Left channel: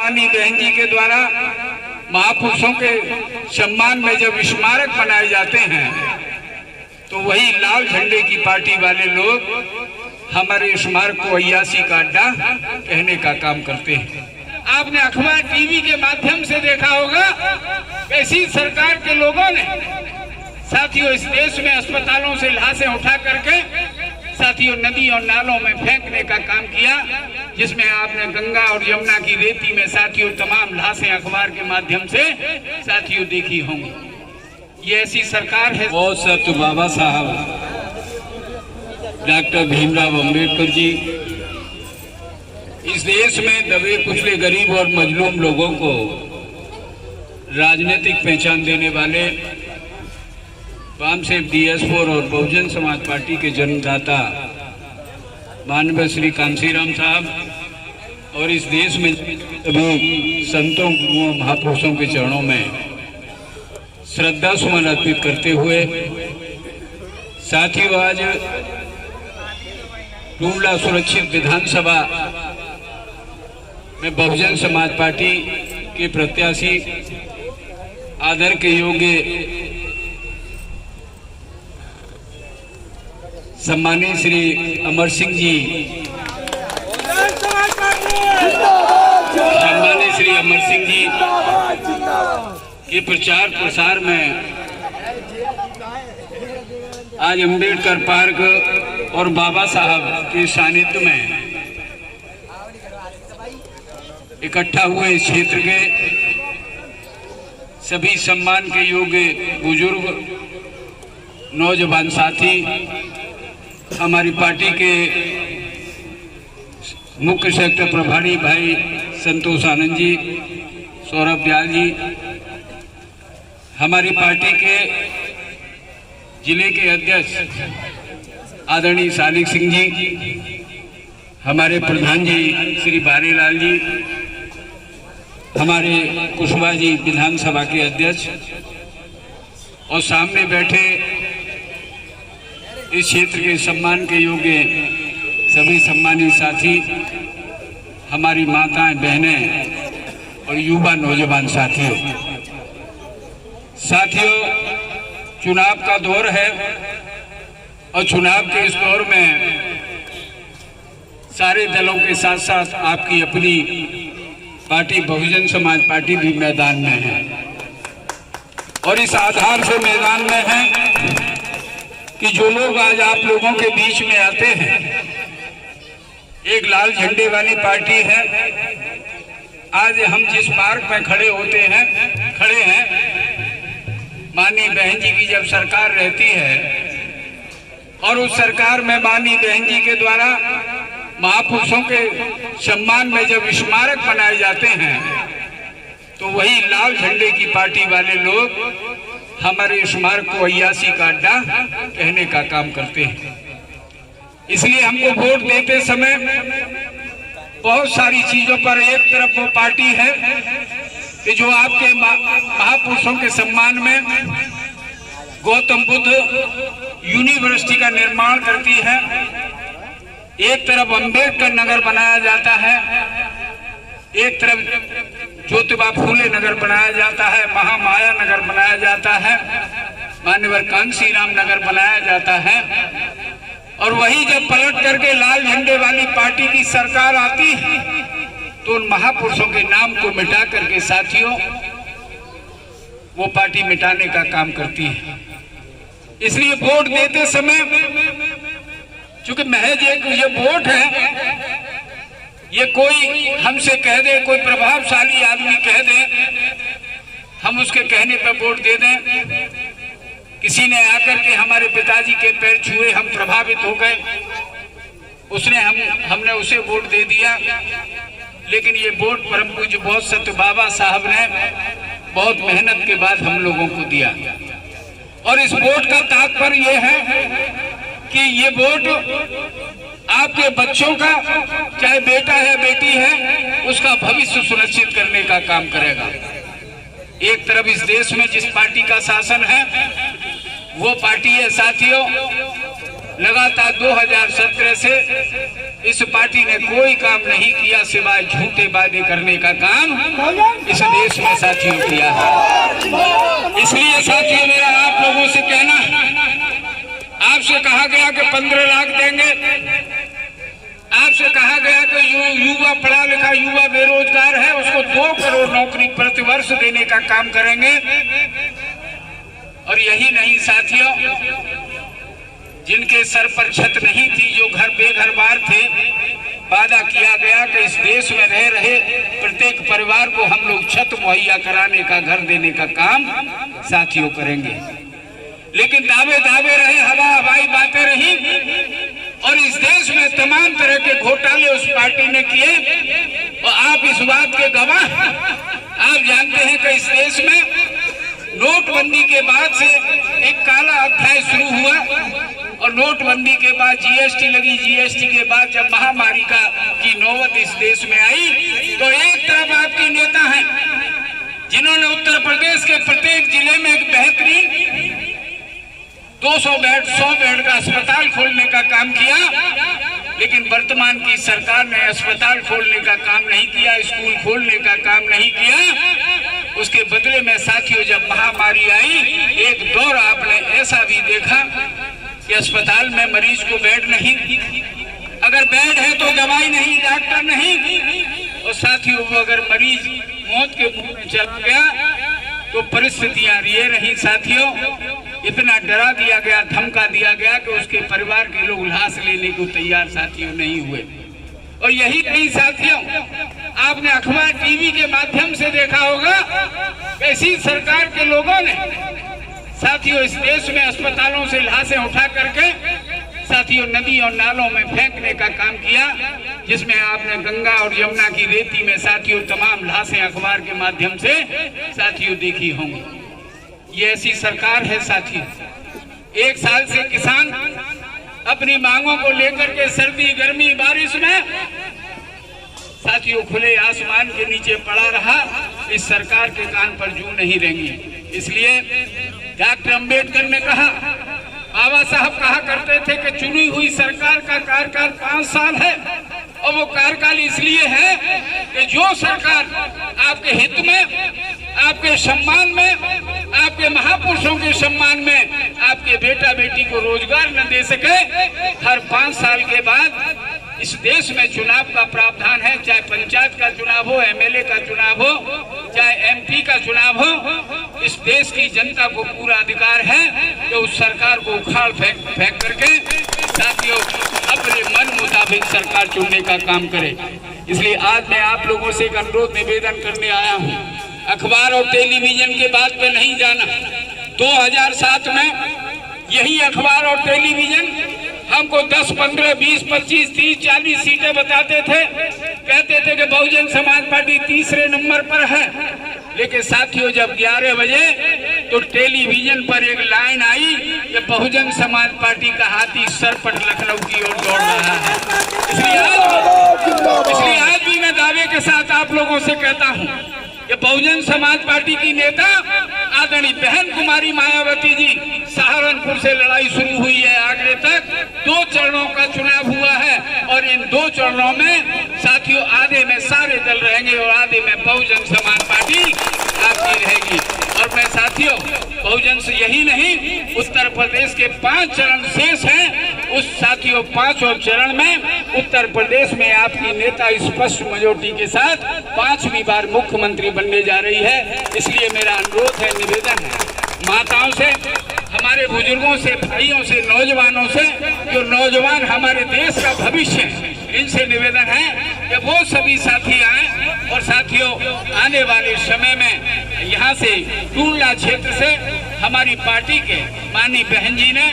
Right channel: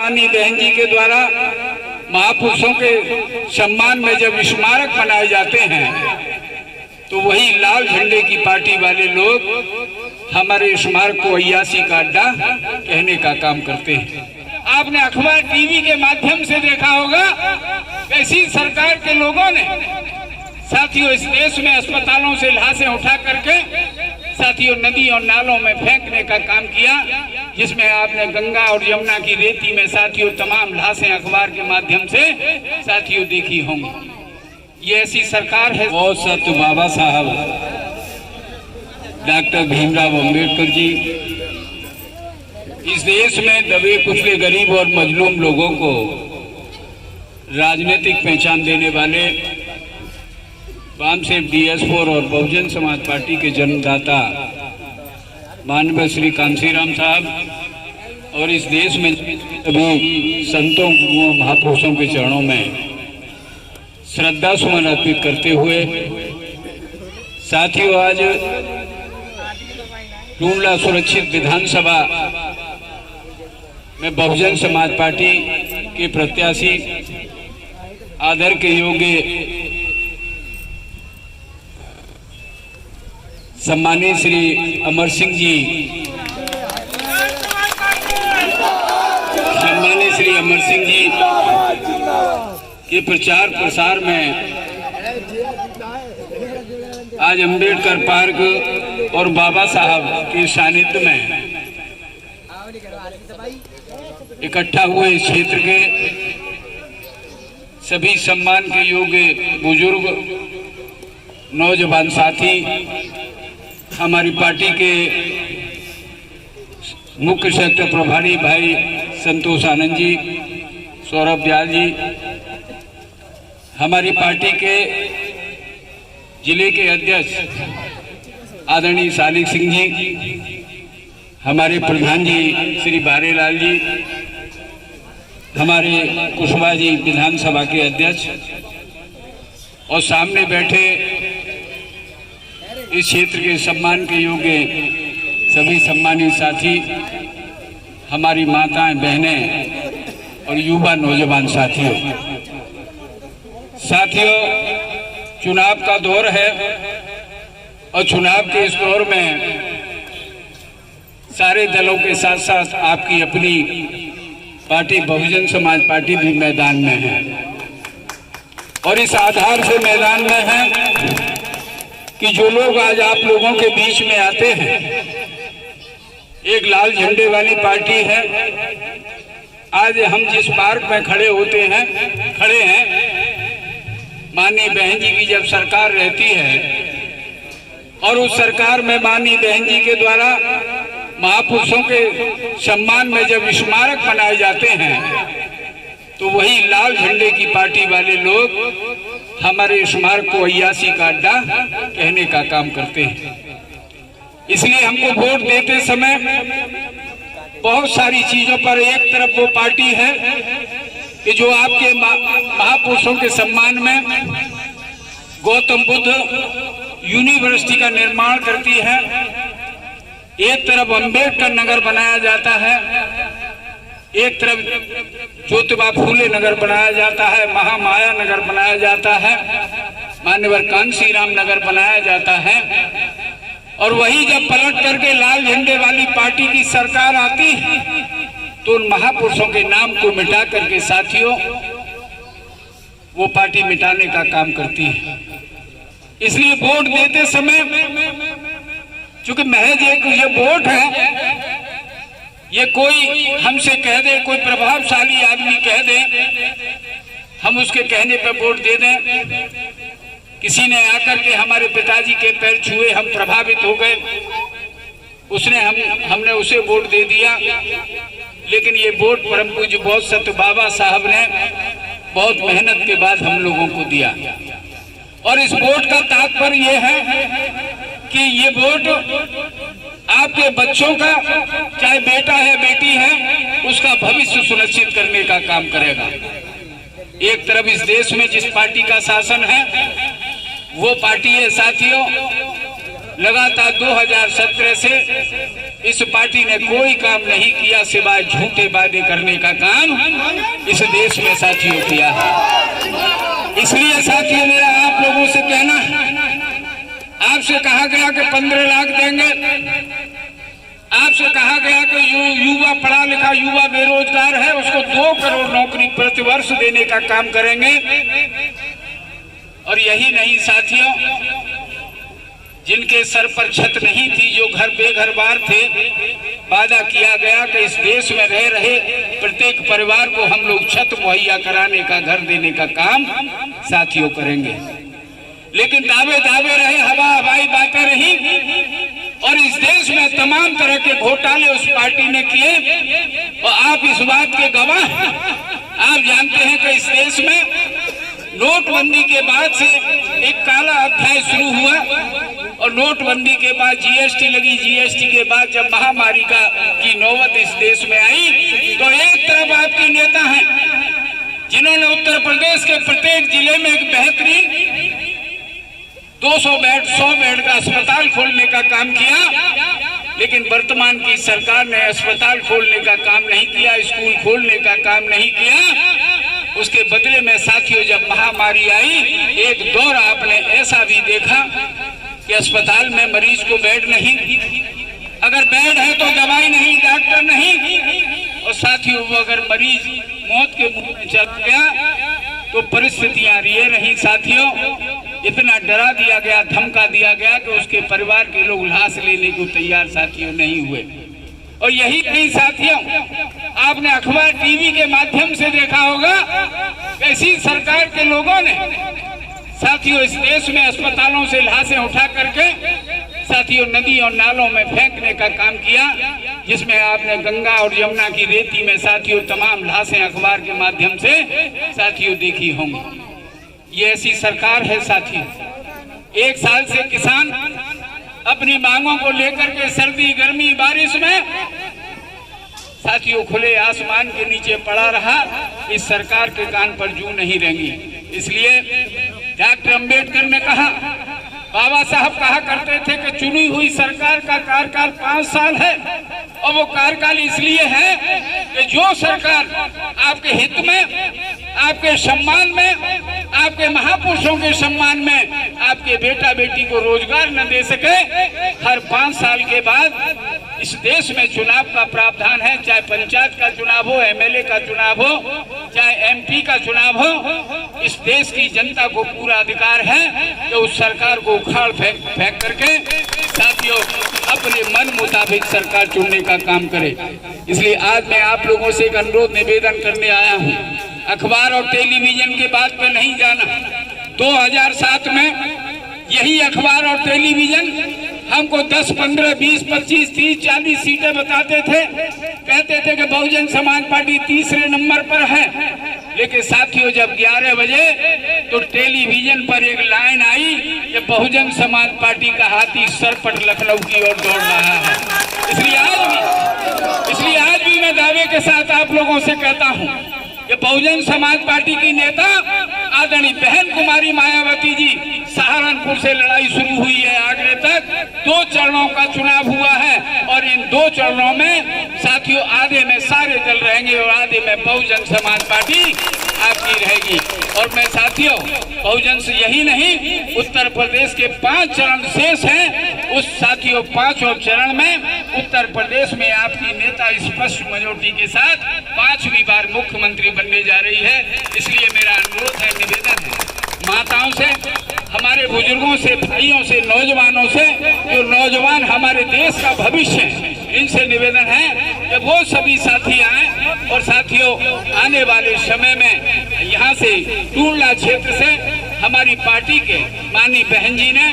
माननीय बहन जी के द्वारा महापुरुषों के सम्मान में जब स्मारक बनाए जाते हैं तो वही लाल झंडे की पार्टी वाले लोग हमारे स्मारक को अय्यासी का अड्डा कहने का काम करते हैं। आपने अखबार टीवी के माध्यम से देखा होगा कैसी सरकार के लोगों ने साथियों इस देश में अस्पतालों से लाशें उठा करके साथियों नदी और नालों में फेंकने का काम किया, जिसमें आपने गंगा और यमुना की रेती में साथियों तमाम लाशें अखबार के माध्यम से साथियों देखी होंगी। ये ऐसी सरकार है। बहुत सत्य बाबा साहब डॉक्टर भीमराव अंबेडकर जी इस देश में दबे कुचले गरीब और मजलूम लोगों को राजनीतिक पहचान देने वाले वामसेव DS4 और बहुजन समाज पार्टी के जन्मदाता माननीय श्री कांशीराम साहब और इस देश में सभी संतों गुरुओं महापुरुषों के चरणों में श्रद्धा सुमन अर्पित करते हुए साथियों आज टूंडला सुरक्षित विधानसभा में बहुजन समाज पार्टी के प्रत्याशी आदर के योग्य सम्मानित श्री अमर सिंह जी के प्रचार प्रसार में आज अंबेडकर पार्क और बाबा साहब के सानिध्य में इकट्ठा हुए इस क्षेत्र के सभी सम्मान के योग्य बुजुर्ग नौजवान साथी, हमारी पार्टी के मुख्य सेक्टर प्रभारी भाई संतोष आनंद जी, सौरभ ब्याल जी, हमारी पार्टी के जिले के अध्यक्ष आदरणीय सालिक सिंह जी, हमारे प्रधान जी श्री बारेलाल जी, हमारे कुशवाहा जी विधानसभा के अध्यक्ष और सामने बैठे इस क्षेत्र के सम्मान के योग्य सभी सम्मानित साथी, हमारी माताएं बहनें और युवा नौजवान साथियों, चुनाव का दौर है और चुनाव के इस दौर में सारे दलों के साथ साथ आपकी अपनी पार्टी बहुजन समाज पार्टी भी मैदान में है और इस आधार से मैदान में है कि जो लोग आज आप लोगों के बीच में आते हैं, एक लाल झंडे वाली पार्टी है। आज हम जिस पार्क में खड़े हैं, माननीय बहन जी की जब सरकार रहती है और उस सरकार में माननीय बहन जी के द्वारा महापुरुषों के सम्मान में जब स्मारक बनाए जाते हैं तो वही लाल झंडे की पार्टी वाले लोग हमारे स्मारक को अय्यासी का अड्डा कहने का काम करते हैं। इसलिए हमको वोट देते समय बहुत सारी चीजों पर एक तरफ वो पार्टी है कि जो आपके महापुरुषों के सम्मान में गौतम बुद्ध यूनिवर्सिटी का निर्माण करती है, एक तरफ अम्बेडकर नगर बनाया जाता है, एक तरफ ज्योतिबा फूले नगर बनाया जाता है, महामाया नगर बनाया जाता है, मान्यवर कांशीराम नगर बनाया जाता है। और वही जब पलट करके लाल झंडे वाली पार्टी की सरकार आती है तो उन महापुरुषों के नाम को मिटा करके साथियों वो पार्टी मिटाने का काम करती है। इसलिए वोट देते समय क्योंकि महज एक ये वोट है, ये कोई हमसे कह दे, कोई प्रभावशाली आदमी कह दे, हम उसके कहने पर वोट दे दें। किसी ने आकर के हमारे पिताजी के पैर छुए, हम प्रभावित हो गए, हमने उसे वोट दे दिया। लेकिन ये वोट परम पूज्य बहुत सत्य बाबा साहब ने बहुत मेहनत के बाद हम लोगों को दिया। और इस वोट का तात्पर्य ये है कि ये वोट आपके बच्चों का, चाहे बेटा है बेटी है, उसका भविष्य सुनिश्चित करने का काम करेगा। एक तरफ इस देश में जिस पार्टी का शासन है वो पार्टी है साथियों लगातार 2017 से इस पार्टी ने कोई काम नहीं किया सिवाय झूठे वादे करने का काम इस देश में साथियों किया है। इसलिए साथियों मेरा आप लोगों से कहना, आपसे कहा गया कि 15 लाख देंगे, आपसे कहा गया कि जो युवा पढ़ा लिखा युवा बेरोजगार है उसको 2 करोड़ नौकरी प्रतिवर्ष देने का काम करेंगे। और यही नहीं साथियों, जिनके सर पर छत नहीं थी, जो घर बेघर बार थे, वादा किया गया कि इस देश में रह रहे प्रत्येक परिवार को हम लोग छत मुहैया कराने का, घर देने का काम साथियों करेंगे। लेकिन दावे रहे, हवाई बातें रही और इस देश में तमाम तरह के घोटाले उस पार्टी ने किए। और आप इस बात के गवाह, आप जानते हैं कि इस देश में नोटबंदी के बाद से एक काला अध्याय शुरू हुआ और नोटबंदी के बाद जीएसटी लगी, जीएसटी के बाद जब महामारी की नौबत इस देश में आई तो एक तरफ आपके नेता हैं जिन्होंने उत्तर प्रदेश के प्रत्येक जिले में एक बेहतरीन 200 बेड 100 बेड का अस्पताल खोलने का काम किया, लेकिन वर्तमान की सरकार ने अस्पताल खोलने का काम नहीं किया, स्कूल खोलने का काम नहीं किया। उसके बदले में साथियों जब महामारी आई, एक दौर आपने ऐसा भी देखा कि अस्पताल में मरीज को बेड नहीं, अगर बेड है तो दवाई नहीं, डॉक्टर नहीं। और साथियों अगर मरीज मौत के मुंह में चला गया तो परिस्थितियां ये रही साथियों, इतना डरा दिया गया, धमका दिया गया कि उसके परिवार के लोग लाश लेने को तैयार साथियों नहीं हुए। और यही नहीं साथियों, आपने अखबार टीवी के माध्यम से देखा होगा कैसी सरकार के लोगों ने साथियों इस देश में अस्पतालों से लाशें उठा करके साथियों नदी और नालों में फेंकने का काम किया, जिसमें आपने गंगा और यमुना की रेती में साथियों तमाम लाशें अखबार के माध्यम से साथियों देखी होंगी। ये ऐसी सरकार है साथियों। 1 साल से किसान अपनी मांगों को लेकर के सर्दी गर्मी बारिश में साथियों खुले आसमान के नीचे पड़ा रहा। इस सरकार के कान पर जूं नहीं रहेंगी। इसलिए डॉक्टर अंबेडकर ने कहा, बाबा साहब कहा करते थे कि चुनी हुई सरकार का कार्यकाल 5 साल है और वो कार्यकाल इसलिए है कि जो सरकार आपके हित में, आपके सम्मान में, आपके महापुरुषों के सम्मान में आपके बेटा बेटी को रोजगार न दे सके, हर 5 साल के बाद इस देश में चुनाव का प्रावधान है, चाहे पंचायत का चुनाव हो, एमएलए का चुनाव हो, चाहे एमपी का चुनाव हो, इस देश की जनता को पूरा अधिकार है कि उस सरकार को उखाड़ फेंक करके साथियों अपने मन मुताबिक सरकार चुनने का काम करे। इसलिए आज मैं आप लोगों से एक अनुरोध निवेदन करने आया हूँ। अखबार और टेलीविजन के बात पे नहीं जाना। 2007 में यही अखबार और टेलीविजन हमको 10, 15, 20, 25, 30, 40 सीटें बताते थे, कहते थे कि बहुजन समाज पार्टी तीसरे नंबर पर है। लेकिन साथियों जब 11 बजे तो टेलीविजन पर एक लाइन आई कि बहुजन समाज पार्टी का हाथी सरपट लखनऊ की ओर दौड़ रहा है। इसलिए आज भी मैं दावे के साथ आप लोगों से कहता हूं कि बहुजन समाज पार्टी की नेता आदरणीय बहन कुमारी मायावती जी, सहारनपुर से लड़ाई शुरू हुई है आगरे तक 2 चरणों का चुनाव हुआ है और इन 2 चरणों में साथियों आधे में सारे दल रहेंगे और आधे में बहुजन समाज पार्टी आपकी रहेगी। और मैं साथियों बहुजन से यही नहीं, उत्तर प्रदेश के 5 चरण शेष हैं, उस साथियों 5वें चरण में उत्तर प्रदेश में आपकी नेता स्पष्ट मेजॉरिटी के साथ 5वीं बार मुख्यमंत्री बनने जा रही है। इसलिए मेरा अनुरोध है, निवेदन है माताओं से, हमारे बुजुर्गों से, भाइयों से, नौजवानों से, जो नौजवान हमारे देश का भविष्य है, इनसे निवेदन है कि वो सभी साथी आए और साथियों आने वाले समय में यहाँ से टूरला क्षेत्र से हमारी पार्टी के माननीय बहन जी ने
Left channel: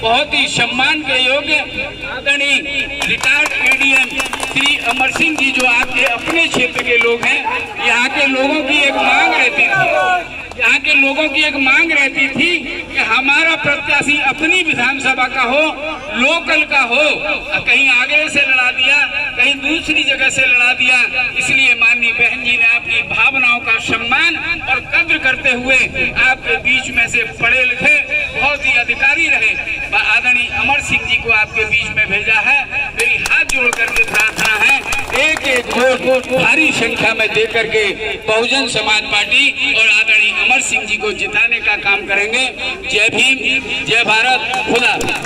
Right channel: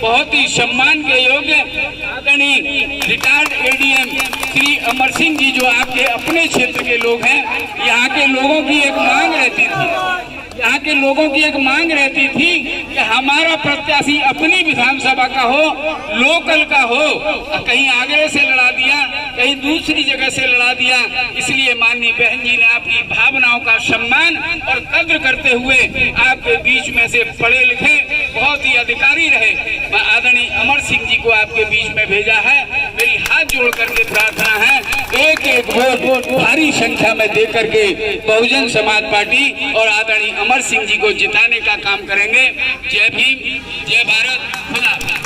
बहुत ही सम्मान के योग्य आदरणीय रिटायर्ड एडीएम श्री अमर सिंह जी, जो आपके अपने क्षेत्र के लोग हैं, यहाँ के लोगों की एक मांग रहती थी, यहाँ के लोगों की एक मांग रहती थी कि हमारा प्रत्याशी अपनी विधानसभा का हो, लोकल का हो, कहीं आगे से लड़ा दिया, कहीं दूसरी जगह से लड़ा दिया। इसलिए माननीय बहन जी ने अपनी भावनाओं का सम्मान और कद्र करते हुए आपके बीच में से पढ़े लिखे बहुत ही अधिकारी रहे आदरणीय अमर सिंह जी को आपके बीच में भेजा है। मेरी हाथ जोड़ करके प्रार्थना है, एक एक वोट भारी संख्या में दे करके बहुजन समाज पार्टी और आदरणीय अमर सिंह जी को जिताने का काम करेंगे। जय भीम, जय भारत, खुदा।